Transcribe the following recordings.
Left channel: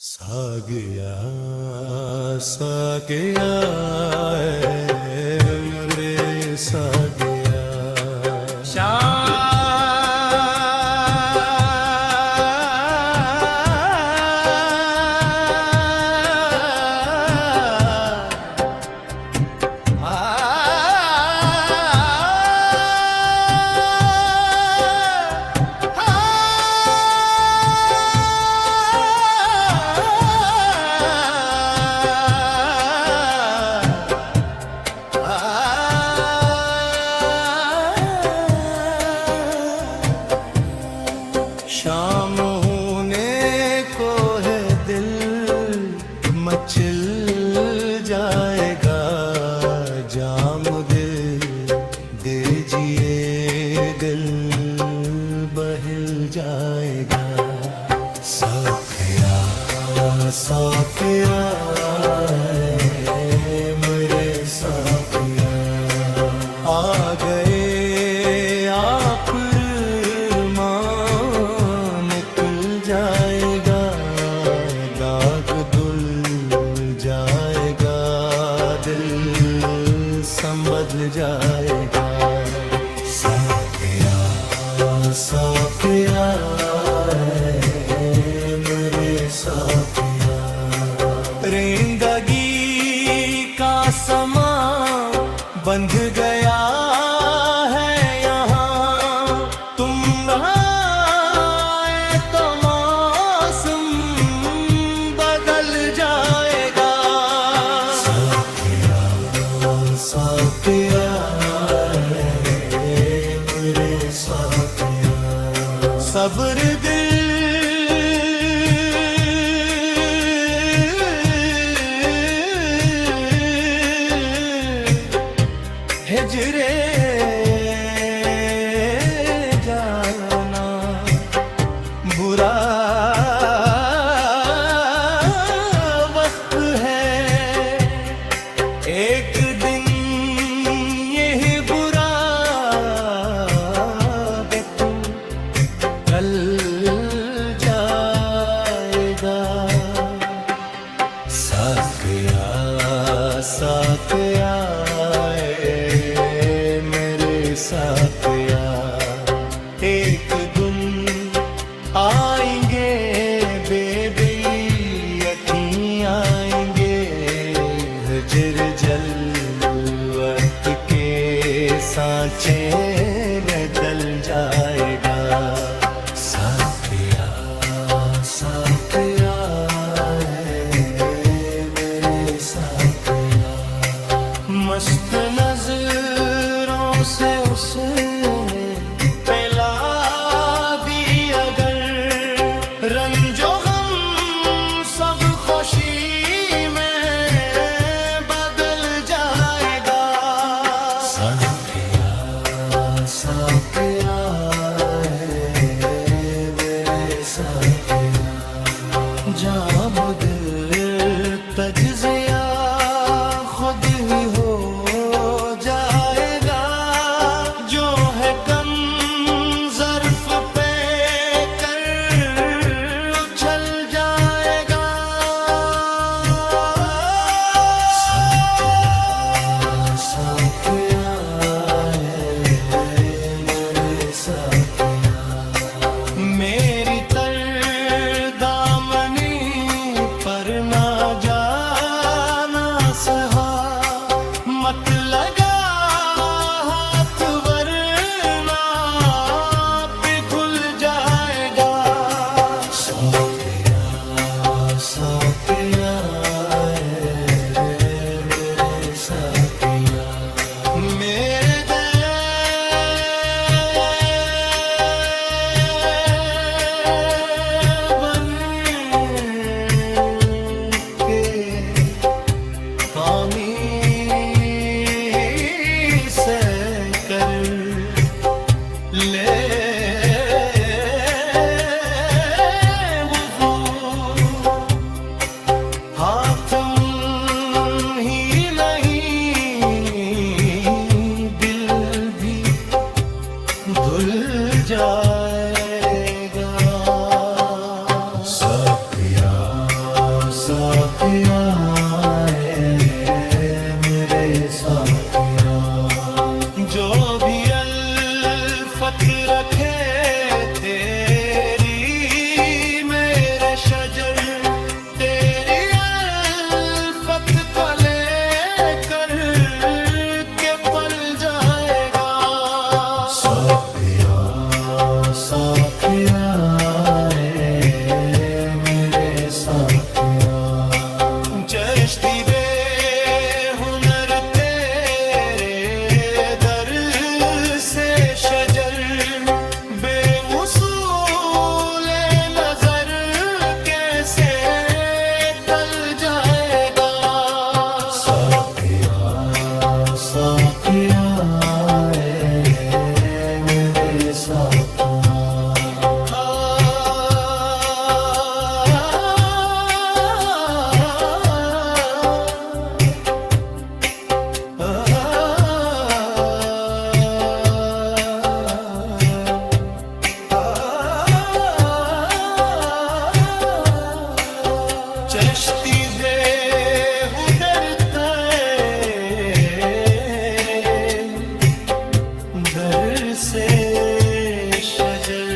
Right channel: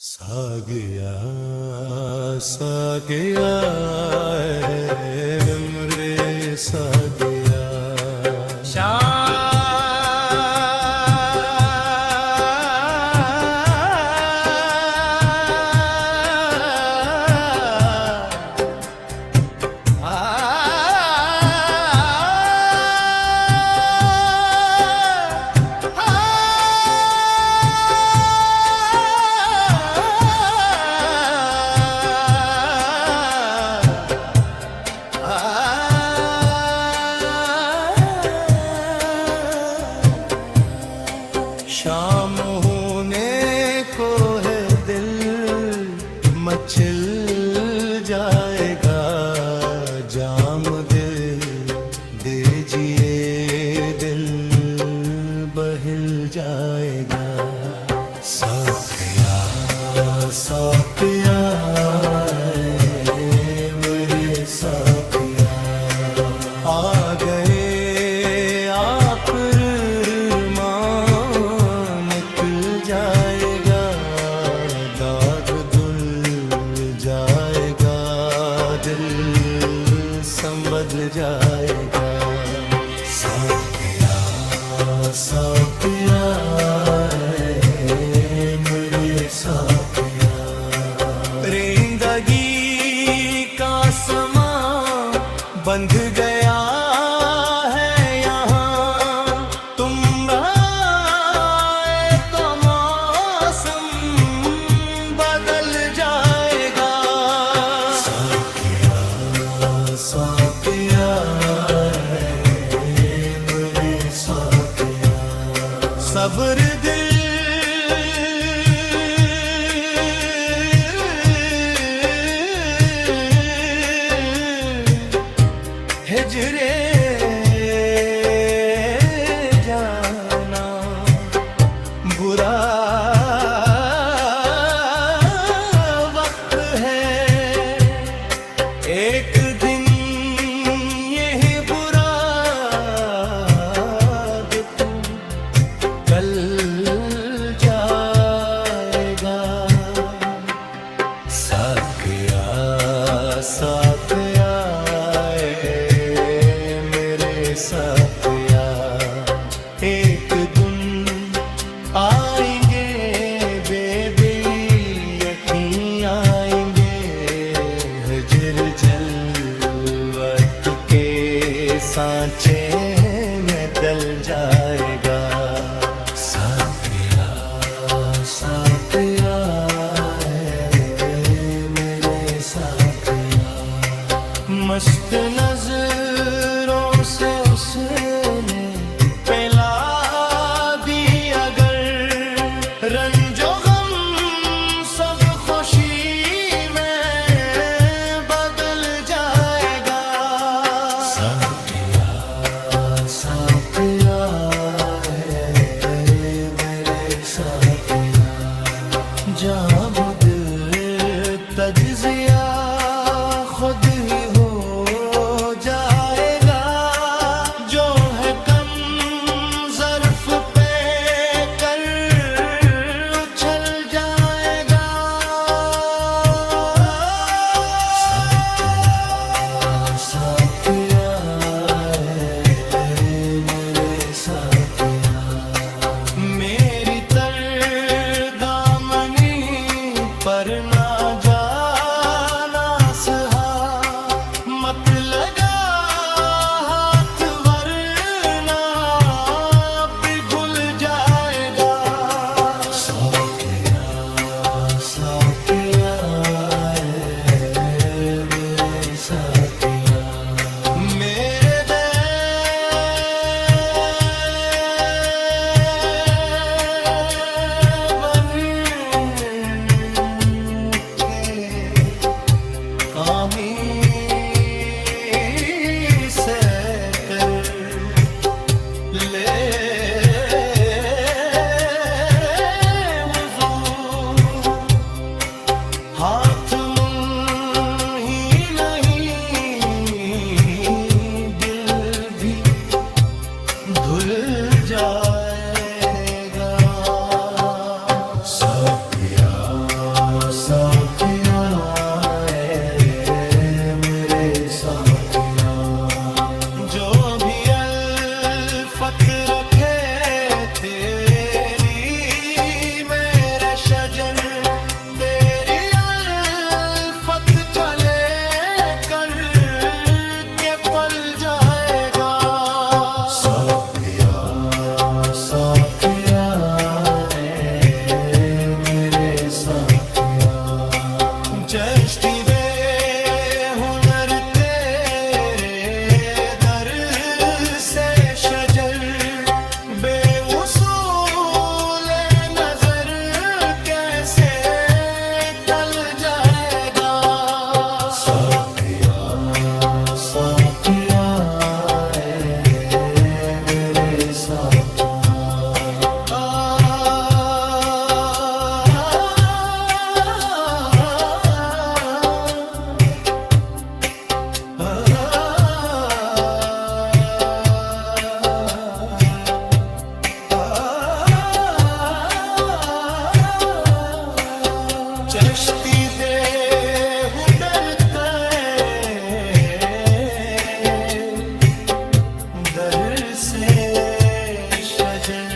सागिया सागिया मेरे सागिया शाम होने को है दिल मचल जाएगा जाम दिल दीजिए दिल बहिल जाएगा साकिया साकिया मेरे साकिया आ गए आप जाएगा दाग धुल जाएगा दिल संबदल जाएगा साकिया साकिया मेरे साकिया जिंदगी का समा बंध गया है यहाँ तुम साकिया मेरे साकिया सब्र दिल हिजरे जाना बुरा वक्त है एक दिन कल जाएगा साकिया साकिया मेरे साकिया एक दिन आएंगे बेबी आएंगे हजर जलवत के सांचे में दल जाएगा साकिया साकिया मेरे साकिया मस्त नजरों से उसने पिला दी अगर रंजो गम सब खुशी में बदल जाएगा साकिया साकिया जब दिल तज्जिया खुद ही हो जाएगा जो है कम ज़र्फ पे कर उछल जाएगा साकिया मेरे साकिया मेरी पर ना जाना सहा मत लगा हाथ वरना पिघल जाएगा साकिया साकिया मेरे साकिया मेरे बन के साथिया मेरे साथिया, जो भी अल्फत रखे तेरी मेरे शजर, तेरी अल्फत का लेकर के पल जाएगा। साथिया साथिया मेरे साथिया, जश्ती बेहुनर तेरे दर से शजर, बेउसूल नजर कैसे टल जाएगा। साथिया साथिया मेरे साथिया, चश्ती दे दर से शजर,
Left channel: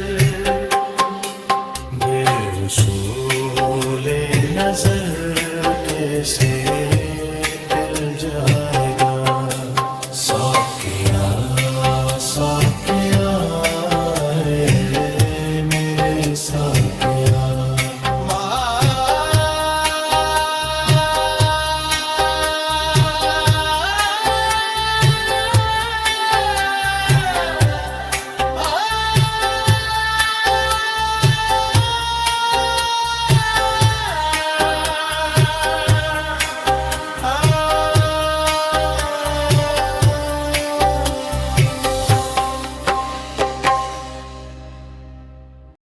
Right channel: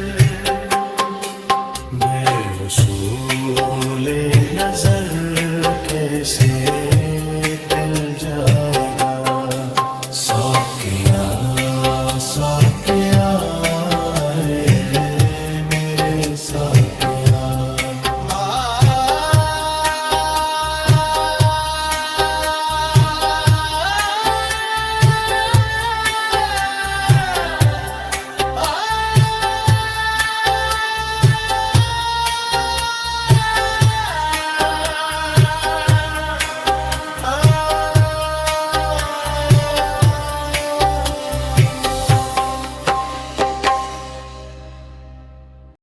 बेउसूल नजर कैसे तिल जाएगा।